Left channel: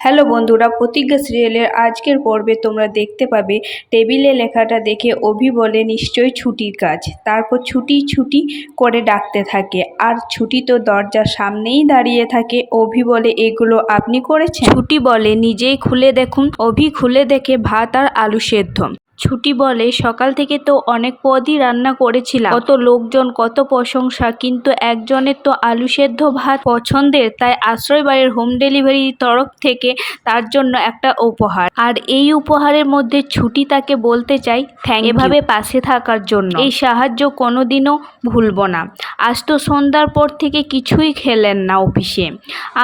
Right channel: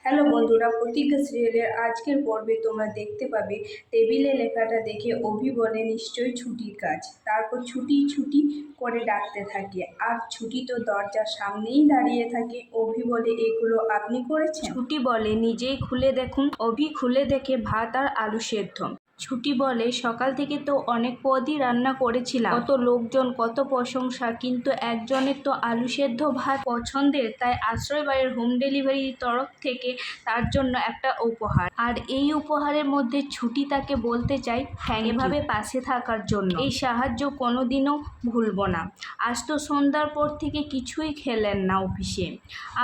Hello বন্ধুরা, প্রতিজ্ঞা সিরিয়ালের আজকের পর্বে তোমরা দেখতে পাবে টেবিলে লেখাটা দেখে অভি বলে নিশ্চয়ই ছুটির কাজ। তারপর ছুটি ছুটি করে ডাকতে থাকে, আর ছুটি তো দরজার সামনেই দাঁড়িয়ে থাকে। অভি বলে, এগুলো আপনি করেছেন? ছুটি বলে, নিজেই খুলে দেখুন। অভি খুলে দেখে ভাত আর আলু সেদ্ধ। ছুটি বলে, সকাল থেকে তো অনেক পদই রান্না করেছিলাম, কত লোকজন, কত প্রশংসা, কিন্তু একজনের তো আলু সেদ্ধ ভাত পছন্দের, তাই আশ্রয় বাড়ির হোম ডেলিভারির তরফ থেকে তার জন্য একটা উপহার। আর এই উপহারের মধ্যে ছুটি তাকে বলতে চাই থ্যাংক ইউ, এভাবে পাশে থাকার জন্য। এই সাহায্য কোনোদিনও ভুলব না। আজ তো সন্ধ্যার পর থেকে কিছুই খেলেন না অফিসে।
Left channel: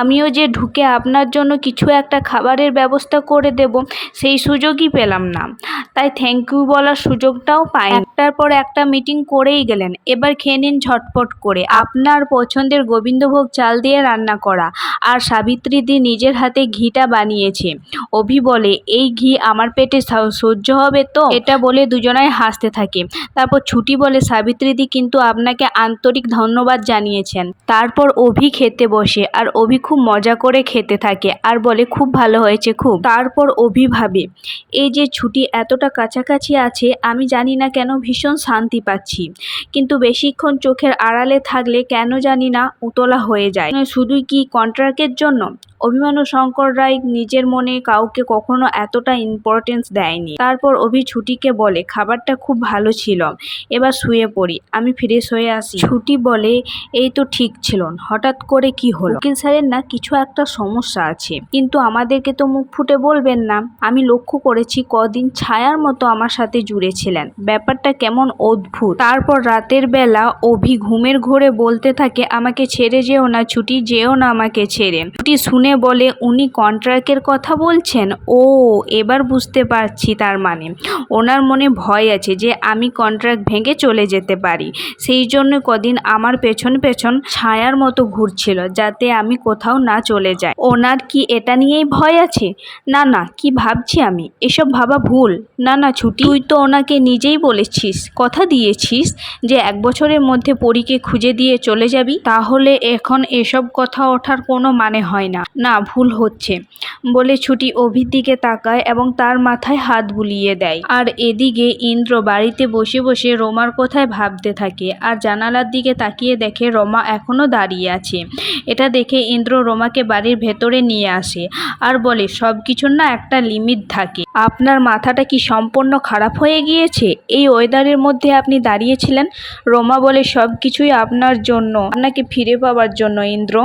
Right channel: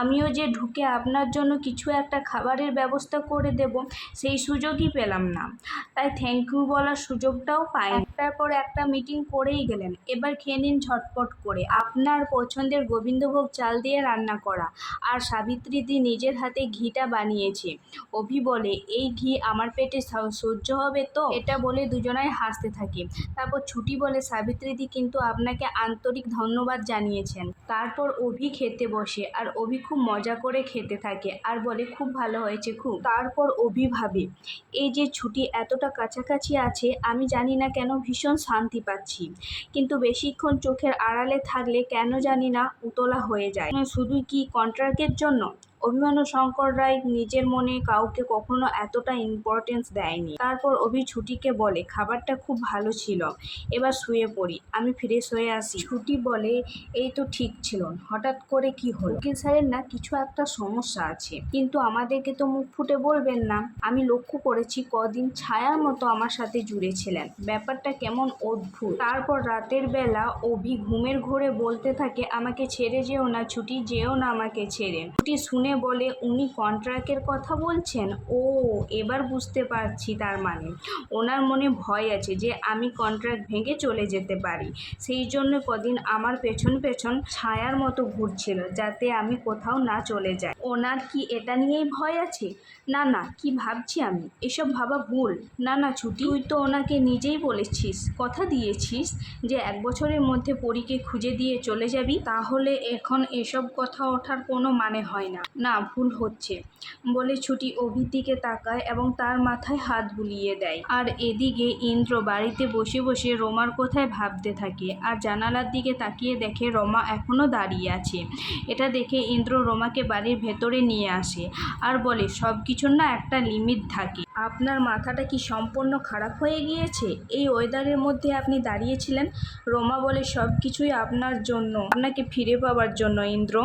আমিও যে ঢুকে আপনার জন্য কিছু একটা খাবারের ব্যবস্থা করে দেব, সেই সুযোগই পেলাম না, তাই থ্যাংক ইউ বলার সুযোগটাও পাই। একটার পর একটা মিটিং করেই গেলেন। এবার খেয়ে নিন ঝটপট করে আপনার পছন্দের গোবিন্দভোগ চাল দিয়ে রান্না করা, আর সাবিত্রীদি নিজের হাতে ঘিটা বানিয়েছে। অভি বলে, এই ঘি আমার পেটে সহ্য হবে তো? এটা বলে দুজনাই হাসতে থাকে। তারপর ছুটি বলে, সাবিত্রীদি কিন্তু আপনাকে আন্তরিক ধন্যবাদ জানিয়েছেন। তারপর অভি খেতে বসে, আর অভি খুব মজা করে খেতে থাকে আর বলে, খুব ভালো হয়েছে খুব। তারপর অভি ভাবে, এই যে ছুটি এতটা কাছাকাছি আছে, আমি জানি না কেন ভীষণ শান্তি পাচ্ছি, কিন্তু বেশিক্ষণ চোখের আড়ালে থাকলে কেন জানি না উতলা হয়ে যায়। শুধুই কি কন্ট্রাক্টের জন্য? অভিমান্যু শঙ্কর রায় নিজের মনে কাউকে কখনো এতটা ইম্পর্টেন্স দেয়নি। তারপর অভি ছুটিকে বলে, খাবারটা খুব ভালো ছিল, এবার শুয়ে পড়ি, আমি ফ্রেশ হয়ে আসি। ছুটি বলে, এই তো ঠিক ছিল, হঠাৎ করে কি হলো? উকিল স্যারের না কিছু একটা সমস্যা আছে, কিন্তু আমাদেরকে তো মুখ ফুটে বলবেন না। আমি লক্ষ্য করেছি কদিন ছায়ার মতো আমার সাথে জুড়েছিলেন, ব্যাপারটা কেমন অদ্ভুত। তারপর রাতের বেলা অভি ঘুমের ঘোরে বলতে থাকে, আমাকে ছেড়ে যেও না ছুটি, যেও না আমাকে ছেড়ে। ছুটি শুনে বলে, উনি কন্ট্রাক্টের কথা বলছেন? ও, এবার বুঝতে পারছি, তার মানে ওনার মনে ভয় আছে যে আমি কন্ট্রাক্ট ভেঙে চলে যেতে পারি, সেই জন্য কদিন আমার পেছন পেছন ছায়ার মতো ঘুরছিল, যাতে আমি কোথাও না চলে যাই। ওনার কি এটা নিয়েই ভয় আছে? না না, কি ভাবছি আমি, এসব ভাবা ভুল। না না ছুটি, তুই তো ওনাকে নিজেই বলেছিস, কথা দিয়েছিস যে 1 বছরের মধ্যে পরীকে খুঁজে দিয়ে চলে যাবি, তাহলে এখন এসব কথা ওঠার কোনো মানে হয় না। না, ভুল হচ্ছে বলে ছুটি অভির দিকে তাকায় এবং তার মাথায় হাত বুলিয়ে দেয়। আর এদিকে ইন্দ্র বাড়িতে বসে বসে রমার কথায় ভাবতে থাকে, আর জানালার দিকে তাকিয়ে দেখে রমা এখনো দাঁড়িয়ে আছে। এটা দেখে ইন্দ্র রমাকে বাড়ির ভেতরে নিয়ে আসে আর বলে, সব কিছুর না একটা লিমিট থাকে। আপনার মাথাটা কি সম্পূর্ণ খারাপ হয়ে গিয়েছে? এই ওয়েদারের মধ্যে আপনি দাঁড়িয়েছিলেন? রমা বলে, সব কিছুই আপনার জন্য, আপনাকে ফিরে পাওয়ার জন্য ইন্দ্র।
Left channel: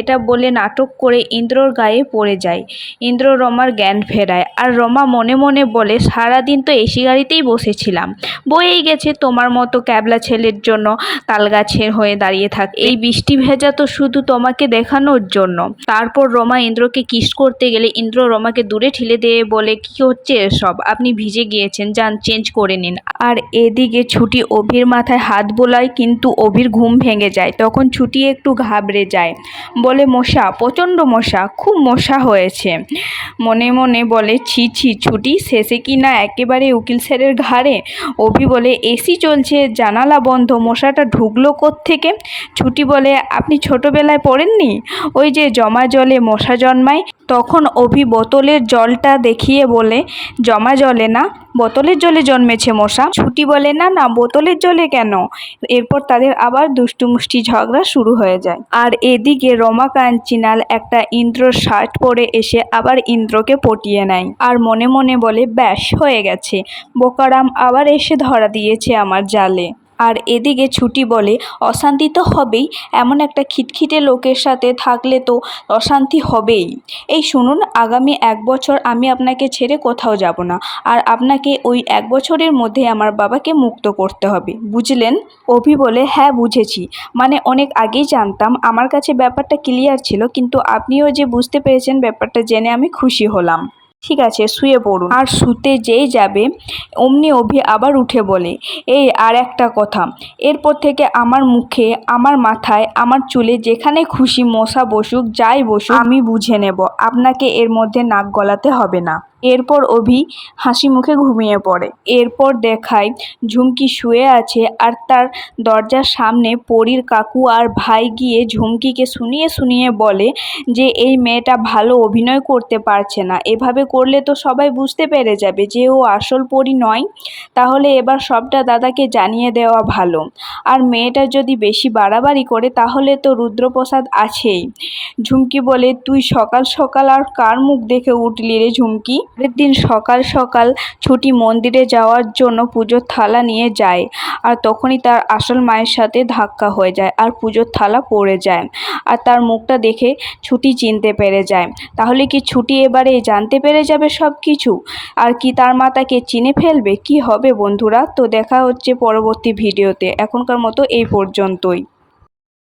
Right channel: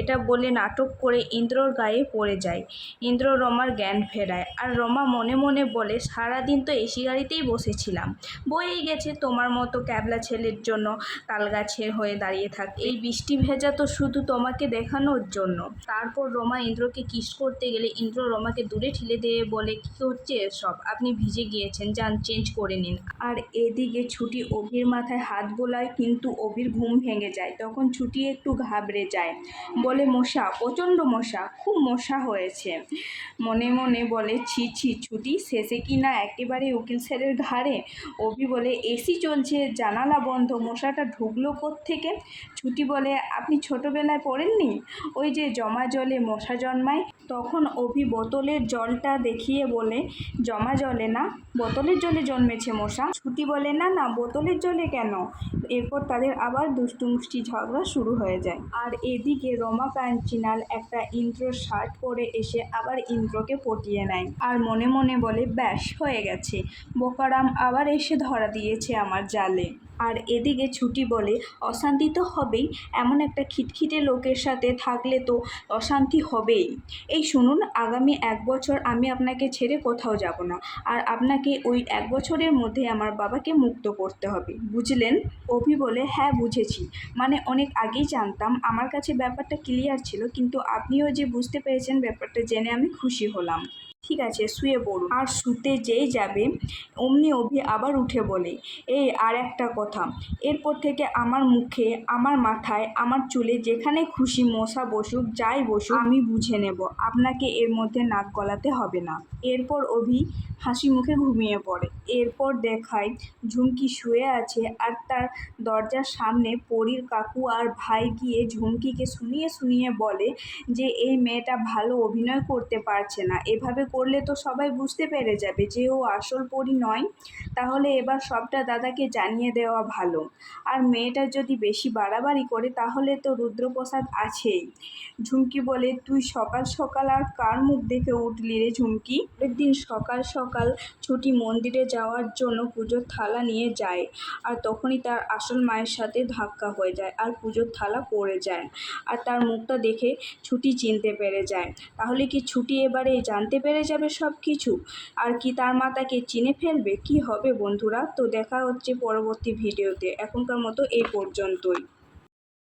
এটা বলে নাটক করে ইন্দ্রর গায়ে পড়ে যায়। ইন্দ্র রমার জ্ঞান ফেরায়, আর রমা মনে মনে বলে, সারাদিন তো এসি গাড়িতেই বসেছিলাম, বয়েই গেছে তোমার মতো ক্যাবলা ছেলের জন্য তালগাছের হয়ে দাঁড়িয়ে থাক, এই বৃষ্টি ভেজা তো শুধু তোমাকে দেখানোর জন্য। তারপর রমা ইন্দ্রকে কিস করতে গেলে ইন্দ্র রমাকে দূরে ঠেলে দিয়ে বলে, কি হচ্ছে এসব, আপনি ভিজে গিয়েছেন, যান চেঞ্জ করে নিন। আর এদিকে ছুটি অভির মাথায় হাত বোলায়, কিন্তু অভির ঘুম ভেঙে যায়। তখন ছুটি একটু ঘাবড়ে যায়, বলে, মশা, প্রচণ্ড মশা, খুব মশা হয়েছে। মনে মনে বলে, ছি ছি ছুটি, শেষে কি না একেবারে উকিল স্যারের ঘাড়ে। অভি বলে, এসি চলছে, জানালা বন্ধ, মশাটা ঢুকলো কোত্থেকে? ছুটি বলে, আপনি ছোটবেলায় পড়েননি, ওই যে জমা জলে মশা জন্মায়? তখন অভি বোতলের জলটা দেখিয়ে বলে, জমা জলে না, বোতলের জলে জন্মেছে মশা। ছুটি বলে, না না, বোতলের জলে কেন? এরপর তাদের আবার দুষ্টুমুষ্টি ঝগড়া শুরু হয়ে যায়। আর এদিকে রমা কাঞ্চিনাল একটা ইন্দ্রর শার্ট পরে এসে আবার ইন্দ্রকে পটিয়ে নেয়, আর মনে মনে বলে, ব্যাস হয়ে গেছে, বোকারাম আবার এসে ধরা দিয়েছে আমার জালে। আর এদিকে ছুটি বলে, অশান্তি তো হবেই, এমন একটা খিটখিটে লোকের সাথে থাকলে তো অশান্তি হবেই। এই শুনুন, আগামী 1 বছর আমি আপনাকে ছেড়ে কোথাও যাব না, আর আপনাকে ওই 1 বছরের মধ্যে আমার বাবাকে মুক্ত করতে হবে, বুঝলেন? অভি বলে, হ্যাঁ বুঝেছি, মানে অনেক আগেই জানতাম, আমার কাছে ব্যাপারটা ক্লিয়ার ছিল, কিন্তু আপনিও যে বুঝতে পেরেছেন ব্যাপারটা জেনে আমি খুশি হলাম। ঠিক আছে শুয়ে পড়ুন। আর শুতে যেই যাবে অমনি অভি আবার উঠে বলে, এই আর একটা কথা, এরপর থেকে আমার মুখে, আমার মাথায়, আমার চুলে যেখানে খুশি মশা বসুক, যাই বসুক আমি বুঝে নেব, আপনাকে এর মধ্যে নাক গলাতে হবে না। এরপর অভি হাসি মুখে ঘুমিয়ে পড়ে। এরপর দেখায় ঝুমকি শুয়ে আছে আর তার দরজার সামনে পরীর কাকু আর ভাই গিয়ে ঝুমকিকে শুনিয়ে শুনিয়ে বলে যে এই মেয়েটা ভালো অভিনয় করতে পারছে না, এভাবে করলে তো সবাই বুঝতে পেরে যাবে যে ও আসল পরী নয়, তাহলে এবার সবটা দাদাকে জানিয়ে দেওয়া ভালো। আর মেয়েটা যদি বেশি বাড়াবাড়ি করে তাহলে তো রুদ্রপ্রসাদ আছেই। ঝুমকি বলে, তুই সকাল সকাল আর কার মুখ দেখে উঠলি রে ঝুমকি? পরের দিন সকাল সকাল ছুটি মন্দিরে যাওয়ার জন্য পুজোর থালা নিয়ে যায়, আর তখনই তার আসল মায়ের সাথে ধাক্কা হয়ে যায় আর পুজোর থালা পড়ে যায়, আর তার মুখটা দেখে ছুটি চিনতে পেরে যায়। তাহলে কি ছুটি এবারে জানতে পেরে যাবে সব কিছু, আর কি তার মা তাকে চিনে ফেলবে? কি হবে বন্ধুরা? তো দেখা হচ্ছে পরবর্তী ভিডিওতে, এখনকার মতো এই পর্যন্তই।